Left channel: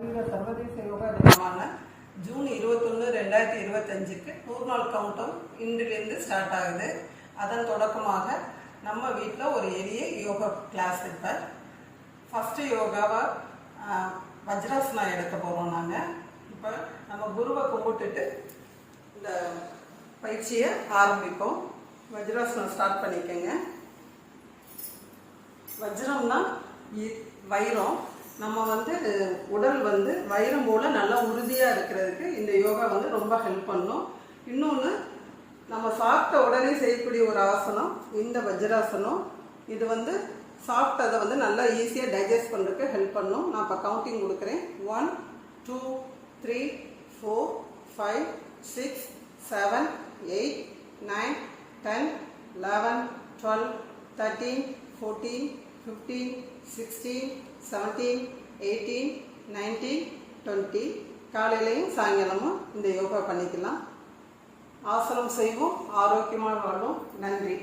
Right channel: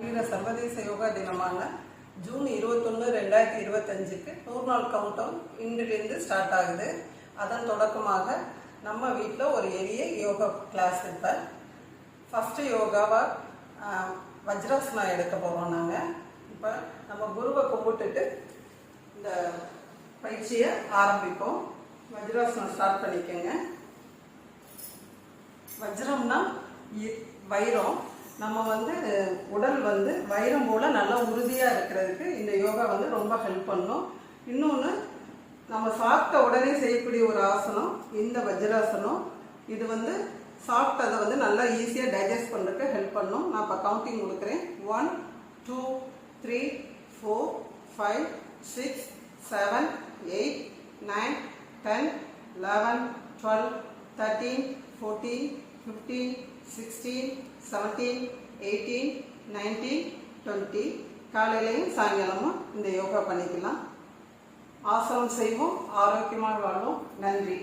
சர்வதேச யோகா தினமான ஜூன் 21, 2025க்கு 100 நாள் கவுண்டவுன் இன்றிலிருந்து ஸ்டார்ட் ஆகுது. அதன் தொடக்கமாக நம்ம வீட்டில் ஒரு எளிய யோகா கிளாஸ் இப்போ ஃபஸ்ட்டு யோகாவை வஜ்ராசனா எடுக்க போகிறோம். நாங்கள் இப்போ நம்ம குருவை கும்பிட்டுட்டு இந்த பயிற்சியை ஆரம்பிப்போம். வஜ்ராசனம் ஸ்டார்ட் பண்ணிக்கோங்க. வஜ்ரம்னா வைரம். நம்ம உடல் வைரம் போல் நல்லா உறுதியாக இருக்கிறதுக்கு இந்த யோகா ரொம்ப ஹெல்ப் பண்ணும். இன்னொன்று, நம்ம சாப்பிட்ட உடனே செய்யக்கூடிய ஒரு ஆசனம் இந்த வஜ்ராசனம். இது சாப்பிட்டதை நல்லா ஈஸியாக டைஜஸ்ட் பண்ணுறதுக்கு ஹெல்ப் பண்ணும். நான் இப்போ கவுண்டிங் கொடுக்குறேன். 1 2 3 4 5 6 7 8 9 10 11 12 13 14 15 16 17 18 19 20 காலையிலையும் சாயங்காலமும் இந்த யோகா பண்ணிக்கலாம். ஆசனம் செய்வோம், ஆரோக்கியமாக வாழும். நன்றி.